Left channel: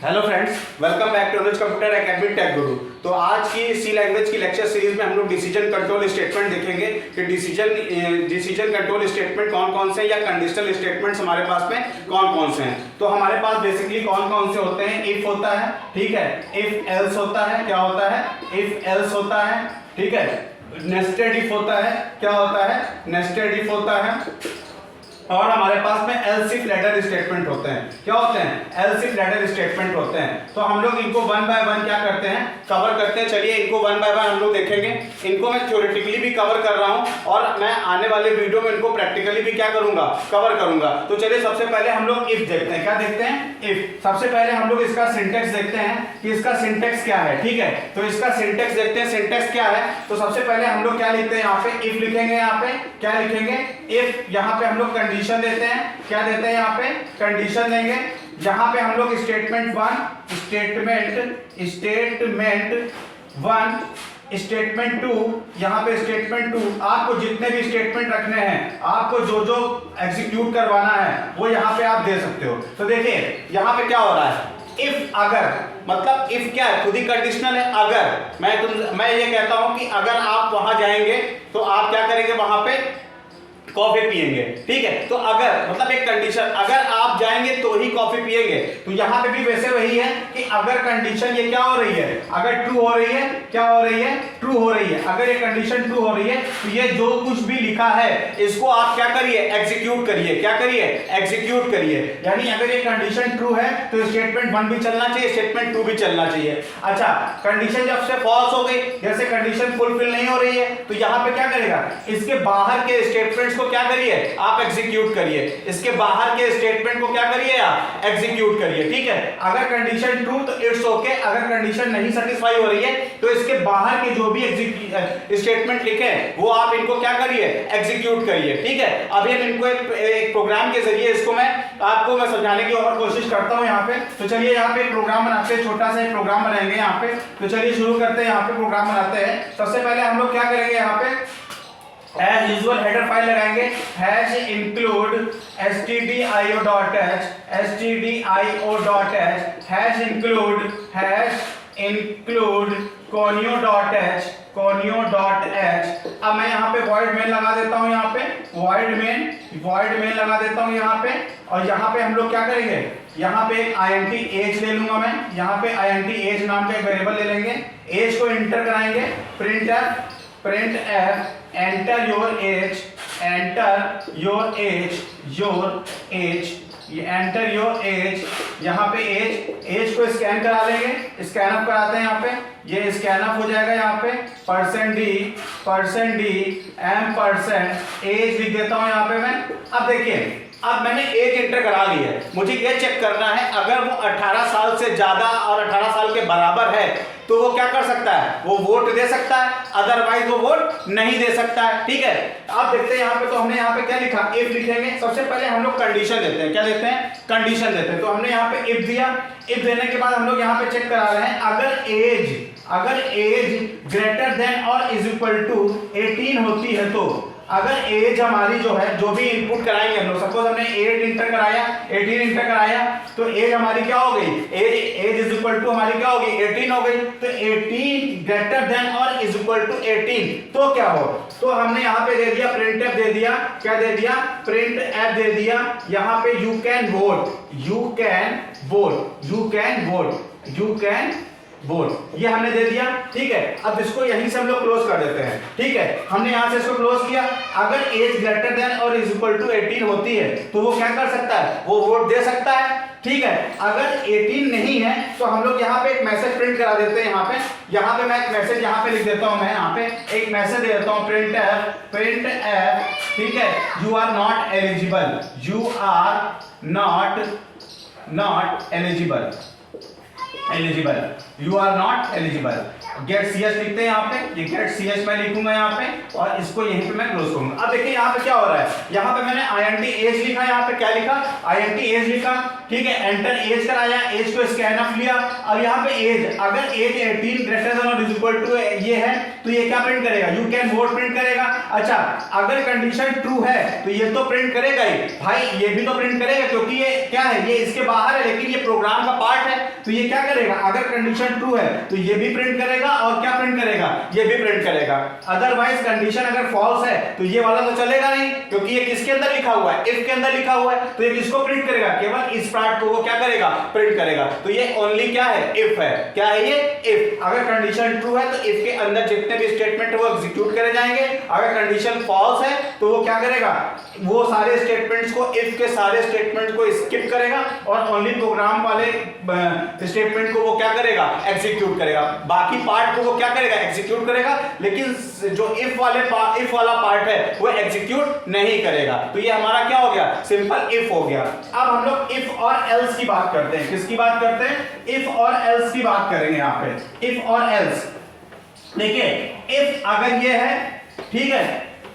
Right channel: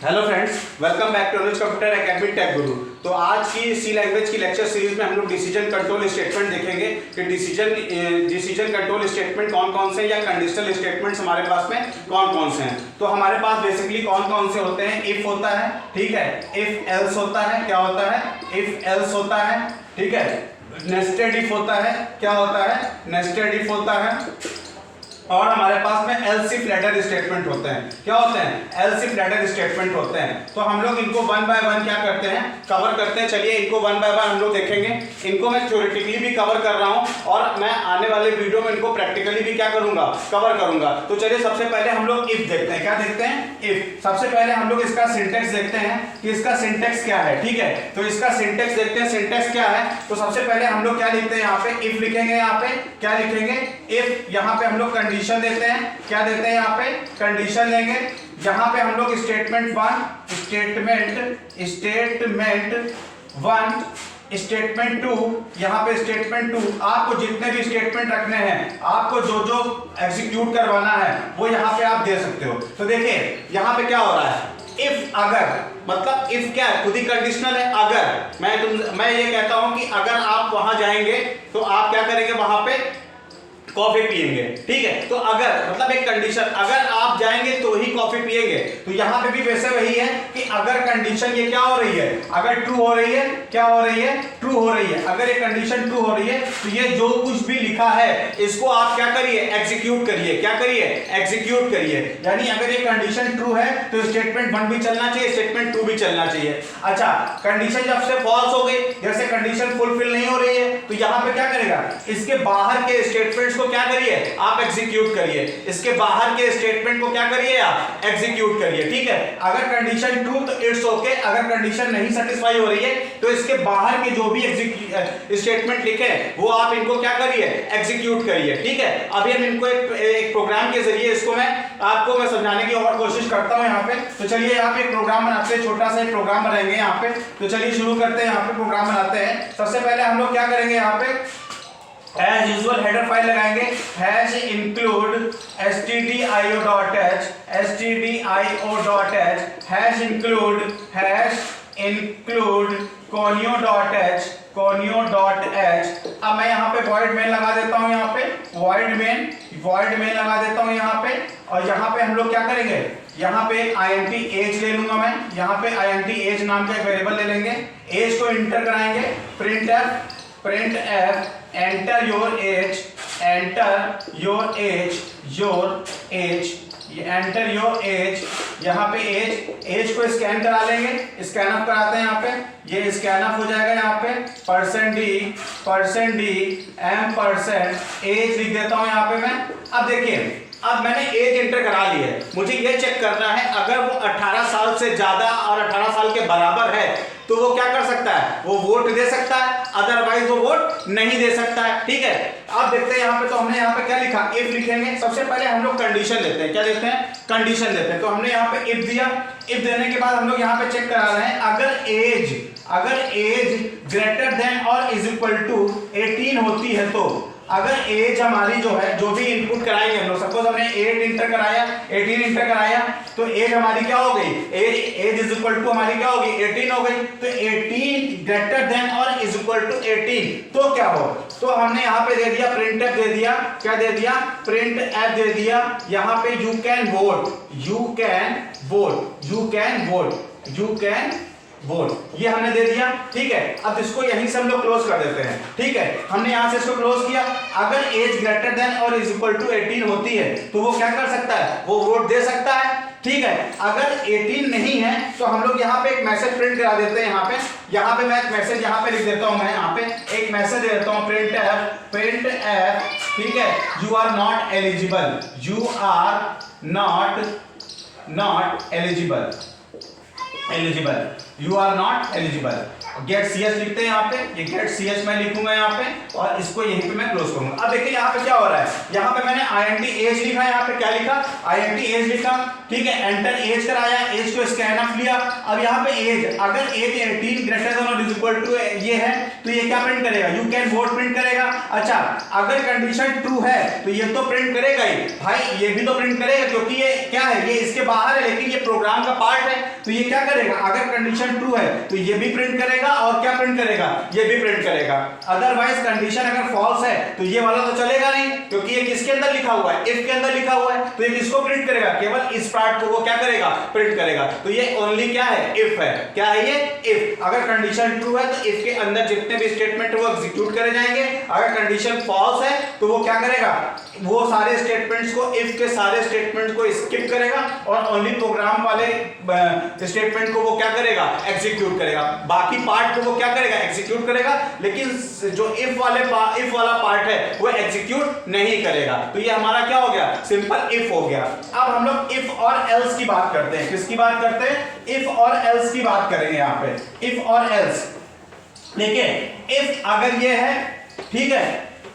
Hello friends, welcome back to Anuj computer academy tech Guru. तो आज की सी लैंग्वेज की लेक्चर सीरीज में हम लोग डिसीजन कंट्रोल स्टेटमेंट देखेंगे कि डिसीजन कंट्रोल स्टेटमेंट कौन कौन से या कंडीशनल स्टेटमेंट्स हमारे पास में कौन कौन से हैं। तो हमारे पास बेसिकली कौन कौन से होते हैं। इफ होता है, ठीक है, इफ एल्स होता है, क्या होता है, इफ एल्स होता है, ठीक है, नेस्टेड इफ होता है, क्या होता है, नेस्टेड इफ होता है, और हमारे पास में एल्स इफ लेटर स्टेटमेंट होते हैं। क्या होते हैं, एल्स इफ लेटर स्टेटमेंट होते हैं। तो हम लोग इनको वन बाय वन क्या करते हैं, कवर करते हैं। चलिए इनको वन बाय वन हम लोग देखेंगे। इनको मैं थ्योरेटिकली भी कवर कर रहा हूं और मैं आने वाले वीडियो में इनको प्रैक्टिकली भी क्या करूंगा, कवर करूंगा। तो चलिए सबसे पहले हम लोग इफ देखते हैं। क्या देखते हैं, इफ। सबसे पहले हम लोग इसका सिंटेक्स देखते हैं कि इसका सिंटेक्स क्या है, ठीक है। तो इसका सिंटेक्स देखते हैं, सिंटेक्स क्या है। तो सबसे पहले हम लोग क्या लिखते हैं, यहाँ पे इफ लिखेंगे। यहाँ पे क्या लिखेंगे, इफ। यहाँ पे हम लोग कंडीशन देते हैं, क्या देते हैं, यहाँ पे कंडीशन देंगे। यहाँ पे हम लोग statement one, statement one, statement two, यहाँ पे स्टेटमेंट टू। आपको जितने भी स्टेटमेंट रखने हैं, आपको जो जो एग्जीक्यूट करवाना है वो यहाँ पे आप दे सकते हो। तो देखिए यहाँ पे क्या हो रहा है, इफ, अगर, मतलब इफ क्या है, खुद ही कंडीशनल है। अगर मैं ये कहता हूं कि अगर आप वहां जाएंगे तो आप क्या करेंगे, वहां पे कॉफी पिएंगे, ठीक है। तो अगर मतलब एक कंडीशन, अगर आप जाएंगे तो ही कॉफी पिएंगे। तो यहां पे भी वैसे वही है कि अगर कंडीशन ये क्या हो रही है, अगर ट्रू हो रही है, क्या हो रही है, ट्रू हो रही है। अगर ये कंडीशन ट्रू हो रही है तो ये जो कुछ भी लिखा है इसको आप क्या करिए, एग्जीक्यूट करिए। क्या करिए, एग्जीक्यूट करिए। यानी अगर ये कंडीशन ट्रू है तो स्टेटमेंट वन भी चलना चाहिए, स्टेटमेंट टू भी चलना चाहिए। अच्छा, कंडीशन जब से फॉल्स हो गई, जैसे कंडीशन फुलफिल नहीं हो रही है, तो यहां पे क्या करेगा, इसके बाहर के स्टेटमेंट्स को क्या करिए, आप एग्जीक्यूट करिए। इसके बाहर के स्टेटमेंट को क्या करिए, आप एग्जीक्यूट करिए, ठीक है। अगर कंडीशन ट्रू तो इट्स ओके, अगर कंडीशन नहीं सेटिस्फाई हो रही है तो इसके बाहर के जो भी स्टेटमेंट लिखे हैं वो आप इनको क्या करिए, एग्जीक्यूट करिए, ठीक है। अभी हम इनको एक प्रोग्राम के जरिए इसको मैं समझाने की और कोशिश करता हूं यहाँ पे। तो चलिए यहाँ पे एक प्रोग्राम बनाते हैं, छोटा सा एक प्रोग्राम बनाएंगे यहाँ पे। तो चलिए शुरू करते हैं, यहाँ पे प्रोग्राम बनाते हैं। सबसे पहले हम लोग क्या करेंगे, यहाँ पे एज यूजुअल हेडर फाइल लगाएंगे, hash include stdio.h, hash include conio.h। अब मैं यहाँ पे void main लगा देता हूँ, यहाँ पे void main लगा देता हूँ यहाँ पे। और यहाँ पे हम लोग क्या करेंगे, यहाँ पे एक int age ले लूंगा मैं। यहाँ पे int age नाम का एक वेरिएबल ले लेंगे, age को इंटर कराएंगे, print F enter your age, enter your age। यहाँ पे एज को स्कैन करा लेंगे, स्कैन अप कराते हैं यहाँ पे। ये स्कैन अप हो जाएगा यहाँ पे, %d एज लिख देता हूँ यहाँ पे मैं। अब देखिए, अब मैंने एज इंटर करा ली है, मुझे ये चेक करना है अगर वो 18 साल से ज्यादा और 18 साल के बराबर है तो वो क्या कर सकता है, वो वोट दे सकता है, अदरवाइज वो वोट नहीं दे सकता है, ठीक है। अब देखते हैं यहाँ पे, तो हमने यहाँ पे क्या लिखा, इफ लिखेंगे। सबसे पहले हम लोग कंडीशन देते हैं, क्या देते हैं, कंडीशन देते हैं। तो हमने यहाँ पे इफ दिया, इफ देने के बाद हम लोग यहाँ पे चेक करा रहे हैं अगर एज ग्रेटर देन और इज इक्वल टू 18 होती है। तो अगर एज हमारी जो है, जो भी इनपुट कराएंगे हम लोग, सपोज हमने 18 इंटर कराया, तो एज हमारी क्या हो गई, एज इज इक्वल टू हमारी क्या हो गई, 18 हो गई। तो 18 ग्रेटर देन और इज इक्वल टू 18 तो क्या हो, तो हमने यहाँ पे दे दिया प्रिंट एफ दे दिया, क्या दे दिया, प्रिंट एफ दे दिया। यहाँ पे यू कैन वोट, ये हमने दे दिया, ठीक है। अब इसको यहीं से हम लोग क्लोज कर देते हैं, ठीक है। हमने यहां से इसको क्लोज किया। अगर एज ग्रेटर देन और इज इक्वल टू 18 होती है तो वो क्या कर सकता है, वो वोट दे सकता है, ठीक है। अगर 18 नहीं है तो हम लोग यहाँ पे एक मैसेज प्रिंट करा देते हैं। यहाँ पे मैं एक मैसेज यहाँ पे लिख देता हूँ, मैं यहाँ पे एक मैसेज दे देता हूँ, प्रिंट एफ, ठीक है, you are not eligible, get cs लिखते हैं यहाँ पे। ये गेट cs मैं लिखूंगा यहाँ पे और इसको यहीं पे मैं क्लोज करूंगा। अब देखिए यहाँ पे क्या हो रहा है, यहाँ पे मैंने int age लिखा, यहाँ पे क्या लिखा, int age लिखा, ठीक है। एंटर एज कराया, एज को स्कैन अप लिया। अब यहाँ पे एज, अगर एज 18 ग्रेटर देन और इज इक्वल टू ये है तो ये क्या प्रिंट करेगा, यू कैन वोट प्रिंट करेगा। अच्छा, अगर कंडीशन ट्रू है तो ये तो प्रिंट करेगा ही भाई, ये भी तो प्रिंट करेगा क्योंकि ये क्या है, ये इसके बाहर है, लेकिन ये प्रोग्राम का पार्ट है, तो ये क्या करेगा, अगर कंडीशन ट्रू है तो ये भी प्रिंट करेगा और क्या प्रिंट करेगा, ये भी प्रिंट करेगा। अदरवाइज कंडीशन अगर फॉल्स है तो ये वाला तो चलेगा नहीं, क्योंकि ये किसके अंदर लिखा हुआ है, इफ के अंदर लिखा हुआ है, तो ये किसको प्रिंट करेगा, केवल इस पार्ट को वो क्या करेगा, प्रिंट करेगा। तो ये ओनली क्या है, इफ है। क्या है ये, इफ। अगर कंडीशन ट्रू है तो इफ के अंदर जितने भी स्टेटमेंट है वो एग्जीक्यूट करे जाएंगे। अगर कंडीशन फॉल्स है तो वो क्या करेगा, वो सारे स्टेटमेंट्स को, इफ के सारे स्टेटमेंट्स को स्किप करेगा और ओनली प्रोग्राम वाले स्टेटमेंट को वो क्या करेगा, एग्जीक्यूट करेगा। बाकी पार्ट को वो क्या करेगा, एग्जीक्यूट करेगा, लेकिन जो इफ वाला पार्ट है वो एग्जीक्यूट नहीं करेगा। तो ये हमारा क्या हो गया, सिंपल इफ हो गया। अब हम लोग इफ और एल्स की बात करते हैं। किसकी बात करते हैं, इफ और एल्स की बात करेंगे यहाँ पे। इफ और एल्स, देखिए इफ अगर ये है, ठीक है,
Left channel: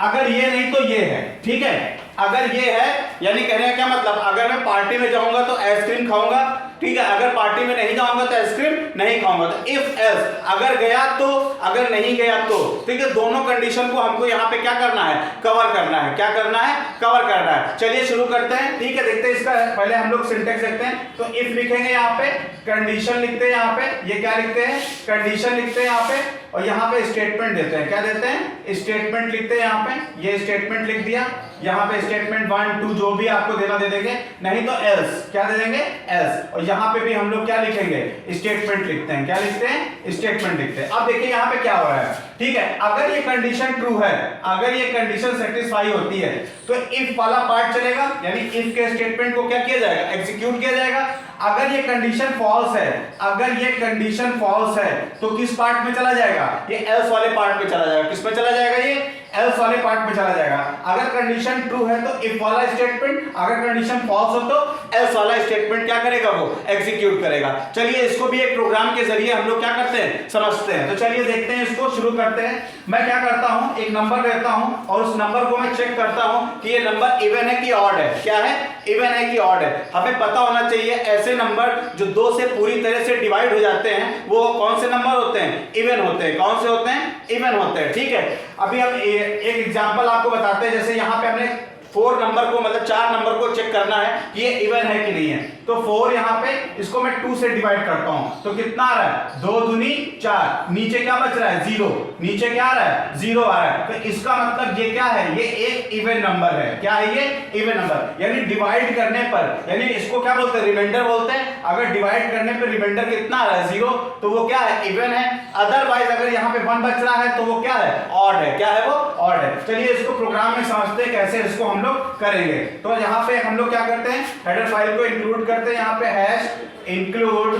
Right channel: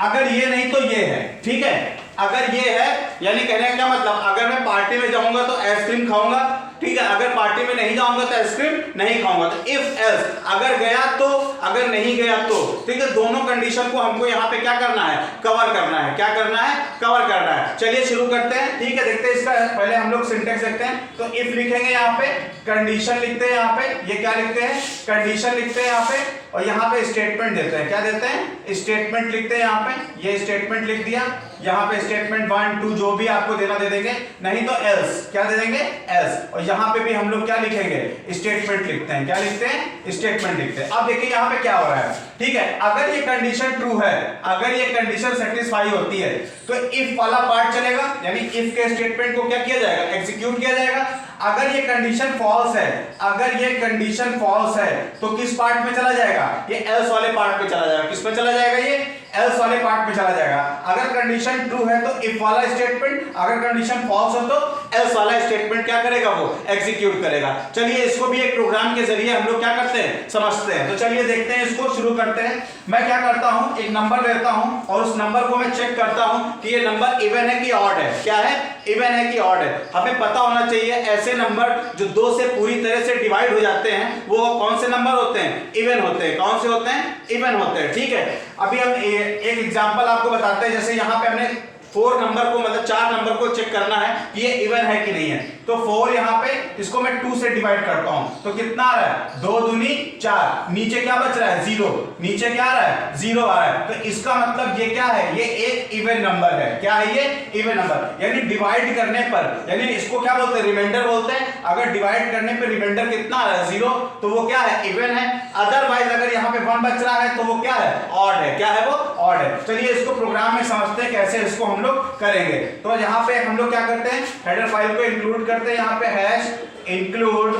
अगर ये नहीं तो ये है, ठीक है। अगर ये है यानी कहने का क्या मतलब, अगर मैं पार्टी में जाऊंगा तो आइसक्रीम खाऊंगा, ठीक है, अगर पार्टी में नहीं जाऊंगा तो आइसक्रीम नहीं खाऊंगा। तो इफ एल्स, अगर गया तो, अगर नहीं गया तो, ठीक है, दोनों कंडीशन को हमको यहाँ पे क्या करना है, कवर करना है। क्या करना है, कवर करना है। चलिए शुरू करते हैं, ठीक है। देखते हैं इसका, पहले हम लोग सिंटेक्स देखते हैं। तो इफ लिखेंगे यहाँ पे, कंडीशन लिखते हैं यहाँ पे, ये क्या लिखते हैं, कंडीशन लिखते हैं यहाँ पे, और यहाँ पे स्टेटमेंट देते हैं। क्या देते हैं, स्टेटमेंट लिखते हैं यहाँ पे। ये स्टेटमेंट लिख दिया, यहाँ पे स्टेटमेंट 1 2 जो भी आपको देना दे देंगे, नहीं तो एल्स, क्या दे देंगे, एल्स। और यहाँ पे भी हम लोग क्या लिखेंगे, स्टेटमेंट लिखते हैं। क्या लिखते हैं, स्टेटमेंट लिखते हैं। अब देखिए यहाँ पे क्या हो रहा है, ठीक है। अगर ये कंडीशन ट्रू है, अगर ये कंडीशन सेटिस्फाई होती है तो इफ वाला पार्ट चलेगा, यानी इफ के स्टेटमेंट को क्या किया जाएगा, एग्जीक्यूट किया जाएगा। अगर ये कंडीशन फॉल्स है, अगर ये कंडीशन फॉल्स है तो किस पार्ट में चला जाएगा, ये एल्स वाले पार्ट में चला जाएगा। किस में चला जाएगा, ये एल्स वाले पार्ट में चला जाएगा। अगर कंडीशन ट्रू है तो इफ वाला स्टेटमेंट, अगर कंडीशन फॉल्स हो तो एल्स वाला स्टेटमेंट क्या करेगा, वो एग्जीक्यूट करेगा। चलिए इसको भी एक प्रोग्राम के जरिए हम लोग क्या करते हैं, समझते हैं। तो चलिए देखते हैं, इसको शुरू करते हैं। मैं क्या करता हूं, एक नंबर लेता हूं और उस नंबर को मैं चेक करता हूं कि ये नंबर इवन है कि ऑड है। क्या है, इवन है कि ऑड है। हमें पता होना चाहिए ऐसे नंबर जो 2 से पूरी तरह से डिवाइड हो जाते हैं वो कौन से नंबर होते हैं, इवन होते हैं। कौन से होते हैं, इवन होते हैं, ठीक है। अभी हम एक एग्जांपल आपको बताते हैं। जैसे यहाँ पे हमने 4 नंबर को, मतलब 4 नंबर को चेक करना है कि ये इवन है कि नहीं है। तो 4 यहाँ पे, इसको मैं 2 से डिवाइड करता हूं तो कितना आ रहा है, 2 दूनी 4, नीचे क्या बच रहा है, 0, नीचे क्या आ रहा है, 0 आ रहा है। तो इसका मतलब ये क्या है, ये एक इवन नंबर है। क्या है, ये इवन नंबर। यानी डिवाइड करने पर, यानी इसको क्या बोलते हैं, रिमाइंडर बोलते हैं। अगर डिवाइड करने पर रिमाइंडर कितना आ रहा है, 0, तो वो क्या है, इवन है। अदरवाइज अगर यहाँ पे 1 बच रहा है तो वो क्या है, ऑड है। क्या है, वो ऑड है। चलिए इसको प्रोग्राम में समझते हैं कैसे इसको हम लोग करेंगे। तो यहाँ पे हम लोग क्या करते हैं, हेडर फाइल को इंक्लूड करते हैं। यहाँ पे हैश इंक्लूड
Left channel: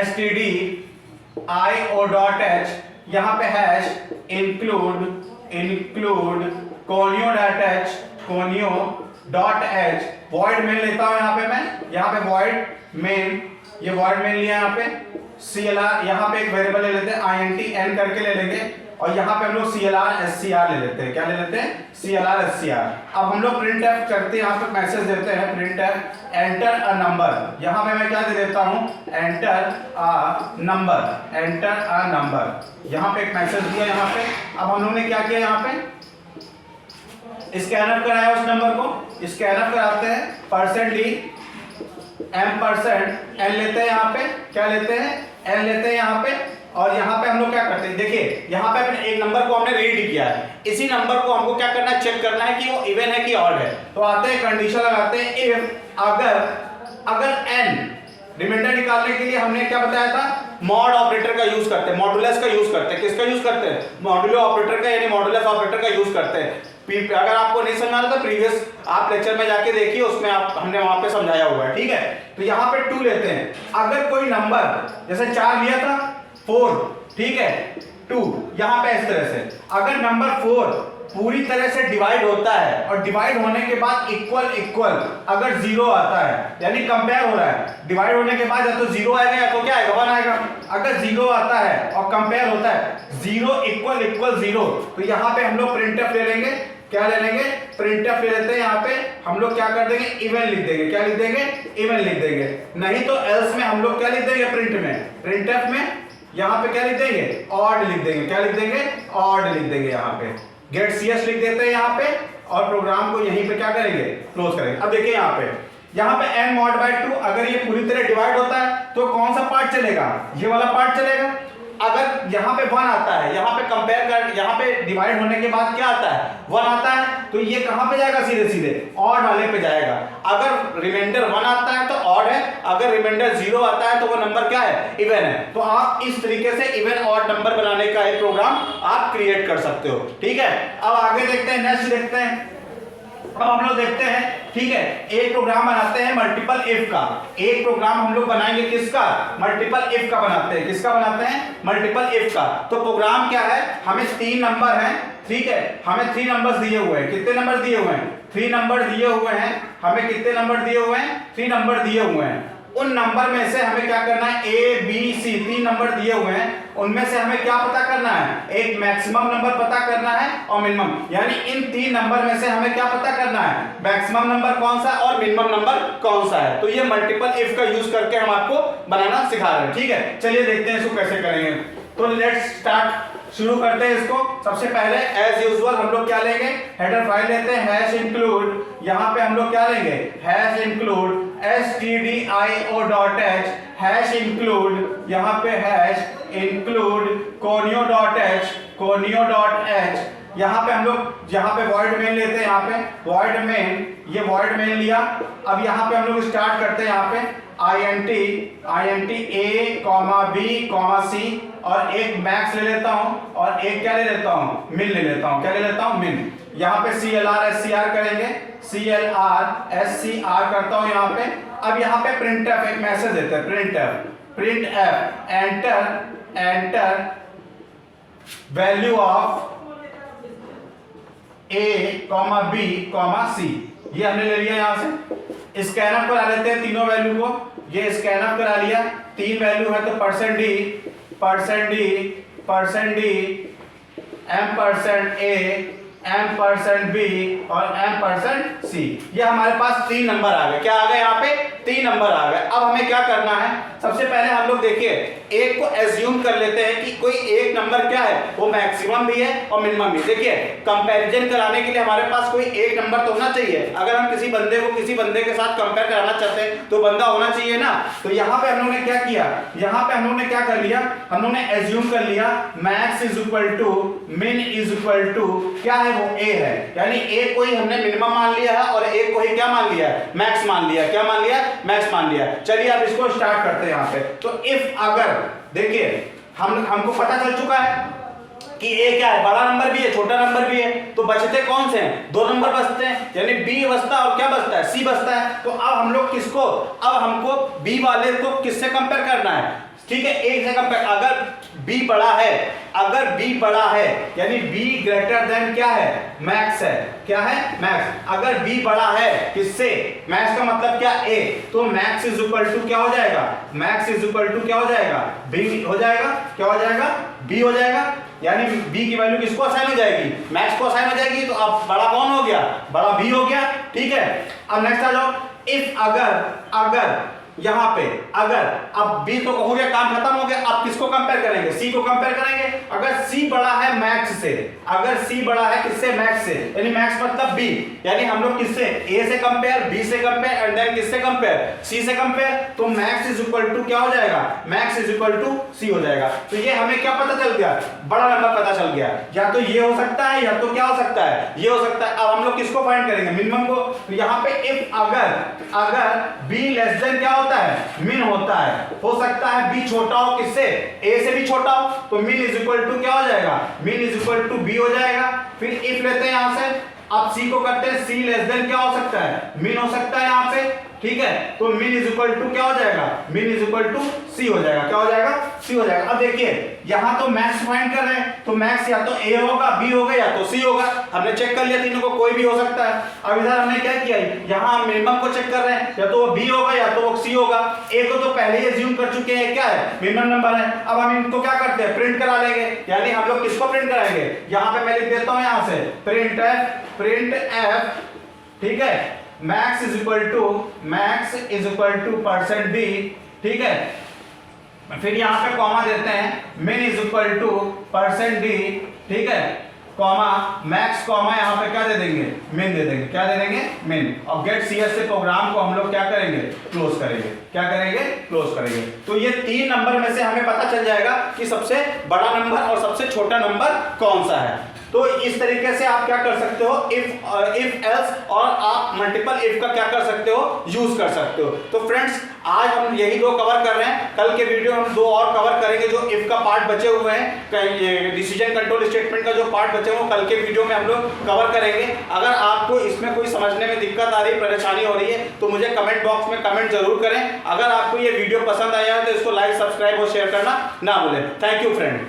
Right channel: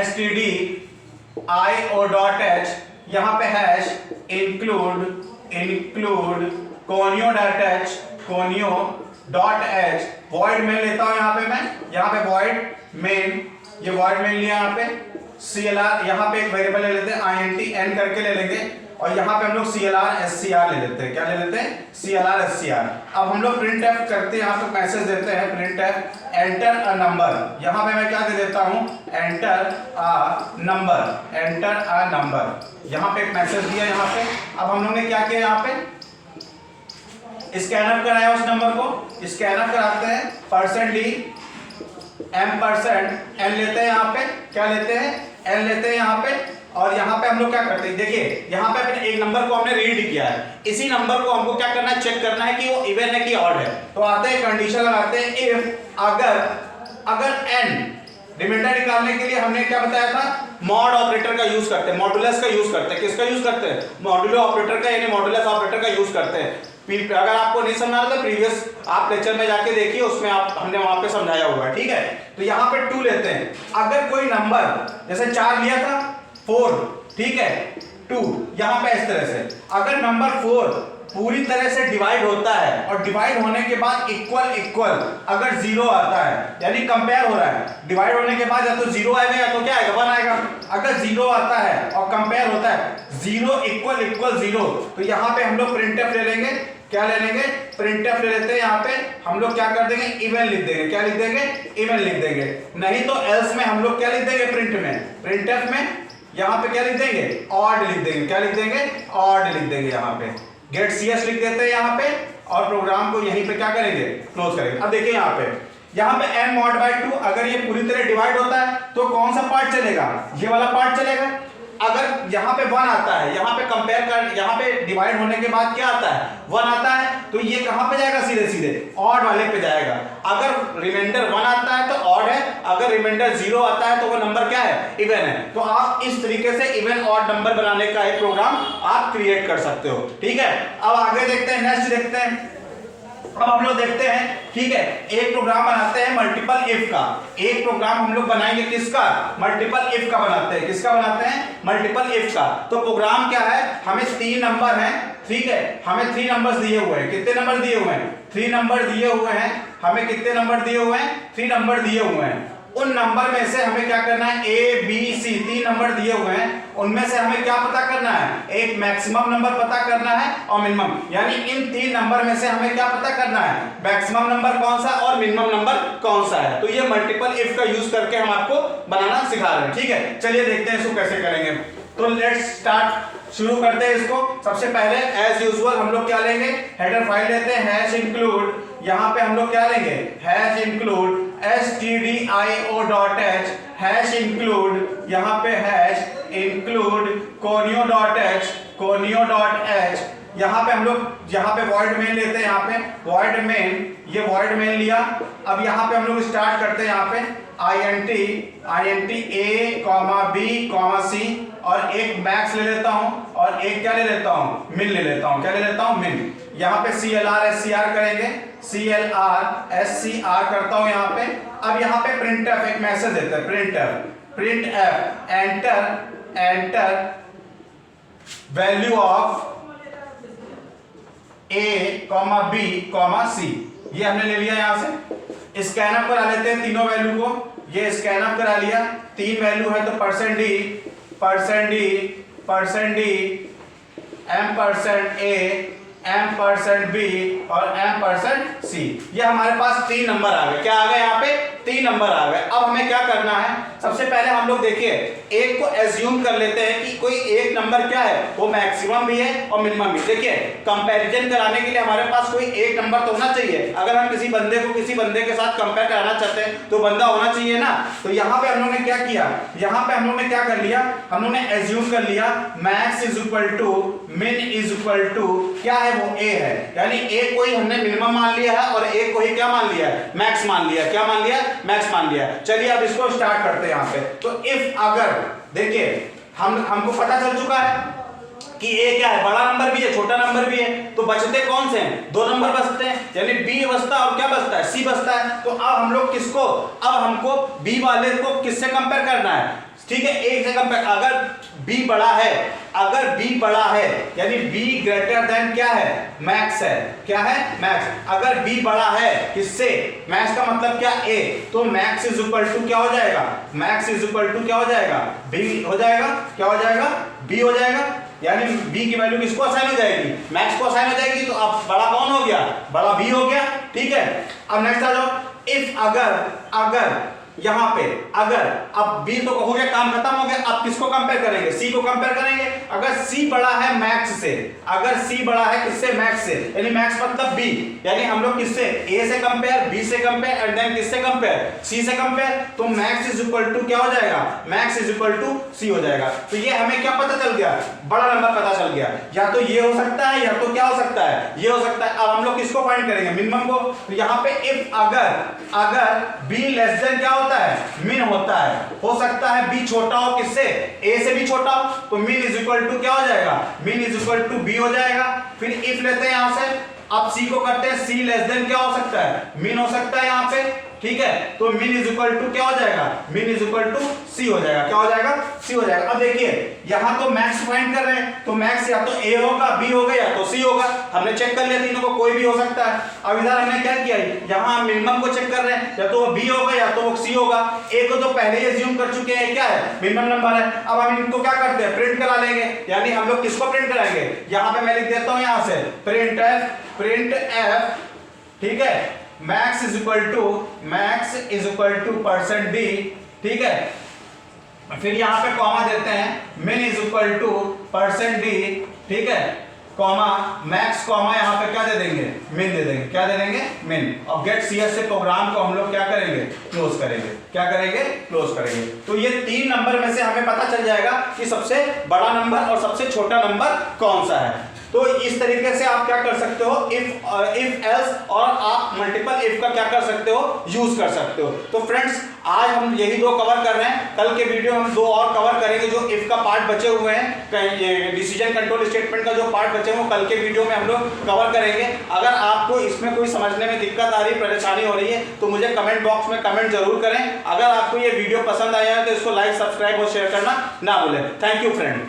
stdio.h, यहाँ पे hash include conio.h, conio.h, void main लेता हूं यहाँ पे मैं, यहाँ पे void main, ये void main लिया यहाँ पे। clr, यहाँ पे एक वेरिएबल ले लेते हैं, int n करके ले लेंगे, और यहाँ पे हम लोग clr scr ले लेते हैं। क्या ले लेते हैं, clr scr। अब हम लोग प्रिंट एफ करते हैं, यहाँ पे मैसेज देते हैं print F enter a number. यहाँ पे मैं क्या दे देता हूँ, enter a number, enter a number. यहाँ पे एक मैसेज दिया यहाँ पे। अब हम लोग ने क्या किया, यहाँ पे स्कैनअप कराया उस नंबर को। स्कैनअप कराते हैं, %ली m% n लेते हैं यहाँ पे। क्या लेते हैं, n लेते हैं यहाँ पे। और यहाँ पे हम लोग क्या करते हैं, देखिए यहाँ पे एक नंबर को हमने रीड किया है, इसी नंबर को हमको क्या करना है, चेक करना है कि वो इवन है कि ऑड है। तो आते हैं कंडीशन लगाते हैं, इफ अगर n, रिमाइंडर निकालने के लिए हमने क्या बताया था, मॉड ऑपरेटर का यूज करते हैं, मॉडुलस का यूज करते हैं। किसका यूज करते हैं, मॉडुलो ऑपरेटर का, यानी मॉडुलस ऑपरेटर का यूज करते हैं। अगर आपको नहीं समझा रहा था, प्रीवियस आप लेक्चर में जाके देखिए, उसमें हमने वहां पे समझाया हुआ है, ठीक है। तो यहाँ पे 2 लेते हैं। अगर कोई नंबर, जैसे 4 लिया था, 4, ठीक है, 2, यहाँ पे इस तरह से अगर नंबर 4 पूरी तरह से डिवाइड होता है और डिवाइड होने के बाद इक्वल अगर 0 आता है, यानी कंपेयर हो रहा है, डिवाइड होने के बाद या तो 0 आएगा या तो क्या आएगा, 1 आएगा। अगर 0 आता है और कंपेयर होता है 0 इक्वल 0, तो यहाँ पे हम लोग प्रिंटफ ले लेंगे। क्या ले लेंगे, प्रिंटफ ले लेते हैं। यहाँ पे हम लोग क्या कर देंगे, इवन लिख देंगे। क्या लिख देंगे, इवन लिख देंगे। नहीं तो एल्स में हम लोग क्या लिख देंगे, प्रिंटफ में यहाँ पे क्या लिख देंगे, ऑड लिख देंगे। क्या लिख देंगे, ऑड लिख देंगे। यहाँ पे गेट cs लिख देते हैं यहाँ पे, और प्रोग्राम को यहीं पे क्या करेंगे, क्लोज करेंगे। अब देखिए यहाँ पे यहाँ पे n मॉड बाय 2 अगर ये पूरी तरह डिवाइड होता है तो कौन सा पार्ट चलेगा, ये वाला पार्ट चलेगा। अगर यहाँ पे 1 आता है, यहाँ पे कंपेयर कर, यहाँ पे डिवाइड होने के बाद क्या आता है 1 आता है, तो ये कहाँ पे जाएगा, सीधे सीधे ऑड वाले पे जाएगा। अगर रिमाइंडर 1 आता है तो ऑड है, अगर रिमाइंडर 0 आता है तो वो नंबर क्या है, इवन है। तो आप इस तरीके से इवन ऑड नंबर बनाने का एक प्रोग्राम आप क्रिएट कर सकते हो। ठीक है, अब आगे देखते हैं, नेक्स्ट देखते हैं। अब हम लोग देखते हैं, ठीक है, एक प्रोग्राम बनाते हैं मल्टीपल इफ का। एक प्रोग्राम हम लोग बनाएंगे किसका, मल्टीपल इफ का बनाते हैं। किसका बनाते हैं, मल्टीपल इफ का। तो प्रोग्राम क्या है, हमें 3 नंबर हैं, ठीक है, हमें 3 नंबर्स दिए हुए हैं। कितने नंबर दिए हुए हैं, 3 नंबर दिए हुए हैं। हमें कितने नंबर दिए हुए हैं, 3 नंबर दिए हुए हैं। उन नंबर में से हमें क्या करना है, ए बी सी 3 नंबर दिए हुए हैं, उनमें से हमें क्या पता करना है, एक मैक्सिमम नंबर पता करना है और मिनिमम। यानी इन 3 नंबर में से हमें क्या पता करना है, मैक्सिमम नंबर कौन सा और मिनिमम नंबर कौन सा है। तो ये मल्टीपल इफ का यूज करके हम आपको बनाना सिखा रहे हैं। ठीक है, चलिए देखते हैं इसको कैसे करेंगे। तो लेट्स स्टार्ट, शुरू करते हैं इसको। सबसे पहले एज यूजुअल हम लोग क्या लेंगे, हेडर फाइल लेते हैं, हैश इंक्लूड। यहाँ पे हम लोग क्या लेंगे, hash include stdio.h, hash include, यहाँ पे हैश इंक्लूड conio.h, conio.h। यहाँ पे हम लोग, यहाँ पे void main लेते हैं, यहाँ पे void main, ये void main लिया। अब यहाँ पे हम लोग स्टार्ट करते हैं, यहाँ पे int a, b, c और एक मैक्स ले लेता हूँ और एक क्या ले लेता हूँ, मिन ले लेता हूँ। क्या ले लेता हूँ, मिन। यहाँ पे CLR SCR करेंगे, CLR SCR करता हूँ यहाँ पे। अब यहाँ पे printf एक मैसेज देते हैं, printf enter value of a, b, c। ये हमने ले लिया। यहाँ से स्कैनअप करा लेते हैं तीनों वैल्यू को। ये स्कैनअप करा लिया, 3 वैल्यू है तो %d, %a, %b और %c। ये हमारे पास 3 नंबर आ गए। क्या आ गए, यहाँ पे 3 नंबर आ गए। अब हमें क्या करना है, सबसे पहले हम लोग देखिए एक को एज्यूम कर लेते हैं कि कोई एक नंबर क्या है, वो मैक्सिमम भी है और मिनिमम भी। देखिए कंपैरिजन कराने के लिए हमारे पास कोई एक नंबर तो होना चाहिए। अगर हम किसी बंदे को किसी बंदे के साथ कंपेयर कराना चाहते हैं तो बंदा होना चाहिए ना। तो यहाँ पे हम लोगों ने क्या किया, यहाँ पे हम लोगों ने क्या कर लिया, हम लोगों ने एज्यूम कर लिया मैक्स इज इक्वल टू मिन इज इक्वल टू क्या है, वो ए है। यानी एक को ही हमने मिनिमम मान लिया है और एक को ही क्या मान लिया है, मैक्स मान लिया। क्या मान लिया, मैक्स मान लिया। चलिए अब इसको स्टार्ट करते हैं यहाँ पे। तो इफ अगर देखिए हमको पता चल चुका है कि ए क्या है, बड़ा नंबर भी है छोटा नंबर भी है, तो बचते कौन से हैं, 2 नंबर बचते हैं। यानी बी बचता है और क्या बचता है, सी बचता है। तो अब हम लोग किसको, अब हमको बी वाले को किससे कंपेयर करना है, ठीक है, एक से कंपेयर। अगर बी बड़ा है, अगर बी बड़ा है यानी बी ग्रेटर देन क्या है, मैक्स है। क्या है, मैक्स। अगर बी बड़ा है किससे, मैक्स का मतलब क्या, ए, तो मैक्स इज इक्वल टू क्या हो जाएगा, मैक्स इज इक्वल टू क्या हो जाएगा, बी हो जाएगा। क्या हो जाएगा, बी हो जाएगा। यानी बी की वैल्यू किसको असाइन हो जाएगी, मैक्स को असाइन हो जाएगी। तो अब बड़ा कौन हो गया, बड़ा बी हो गया। ठीक है, अब नेक्स्ट आ जाओ। इफ अगर यहां पे अगर, अब बी तो हो गया, काम खत्म हो गया। अब किसको कंपेयर करेंगे, सी को कंपेयर करेंगे। अगर सी बड़ा है मैक्स से, अगर सी बड़ा है किससे, मैक्स से, यानी मैक्स मतलब बी, यानी हम लोग किससे, ए से कंपेयर, बी से कंपेयर एंड देन किससे कंपेयर, सी से कंपेयर। तो मैक्स इज इक्वल टू क्या हो जाएगा, मैक्स इज इक्वल टू सी हो जाएगा। तो ये हमें क्या पता चल गया, बड़ा नंबर पता चल गया। या तो ये हो सकता है या तो क्या हो सकता है, ये हो सकता है। अब हम लोग किसको फाइंड करेंगे, मिनिमम को। तो यहाँ पे इफ अगर बी लेस देन क्या होता है, मिन होता है। हो सकता है बी छोटा हो किससे, ए से भी छोटा हो, तो मिन इज इक्वल टू क्या हो जाएगा, मिन इज इक्वल टू बी हो जाएगा। फिर इफ लेते हैं यहां से, अब सी को करते हैं, सी लेस देन क्या हो सकता है, मिन हो सकता है यहाँ पे। ठीक है, तो मिन इज इक्वल टू क्या हो जाएगा, मिन इज इक्वल टू सी हो जाएगा। क्या हो जाएगा, सी हो जाएगा। अब देखिए यहां तो मैक्स फाइंड कर रहे हैं, तो मैक्स या तो ए होगा, बी होगा या तो सी होगा। हमने चेक कर लिया तीनों को, कोई भी हो सकता है। अब इधर हमने क्या किया, यहां मिनिमम को चेक कर रहे हैं, या तो वो बी होगा या तो वो सी होगा। ए को तो पहले ही एज्यूम कर चुके हैं क्या है, मिनिमम नंबर है। अब हम इनको क्या करते हैं, प्रिंट करा लेंगे। यानी हम लोग किसको प्रिंट कराएंगे, यहां पे मैं लिख देता हूं यहां से प्रिंट एफ, ठीक है, max is equal to %d। ठीक है, फिर यहां पे कॉमा देते हैं, मिन इज इक्वल टू %d। ठीक है, कॉमा मैक्स कॉमा यहाँ पे क्या दे देंगे, मिन दे देंगे। क्या दे देंगे, मिन। अब गेट CS से प्रोग्राम को हम लोग क्या करेंगे, क्लोज करेंगे। क्या करेंगे, क्लोज करेंगे। तो ये 3 नंबर में से हमें पता चल जाएगा कि सबसे बड़ा नंबर और सबसे छोटा नंबर कौन सा है। तो इस तरीके से आप क्या कर सकते हो, इफ एल्स और आप मल्टीपल इफ का क्या कर सकते हो, यूज कर सकते हो। तो फ्रेंड्स आज हम यही 2 कवर कर रहे हैं। कल के वीडियो हम 2 और कवर करेंगे जो इफ का पार्ट बचे हुए हैं, डिसीजन कंट्रोल स्टेटमेंट का जो पार्ट बचे हुए कल के वीडियो में हम लोग कवर करेंगे। अगर आपको इसमें कोई समझने में दिक्कत आ रही है, परेशानी हो रही है, तो मुझे कमेंट बॉक्स में कमेंट जरूर करें। अगर आपको ये वीडियो पसंद आया है तो इसको लाइक, सब्सक्राइब और शेयर करना ना भूलें। Thank you friend.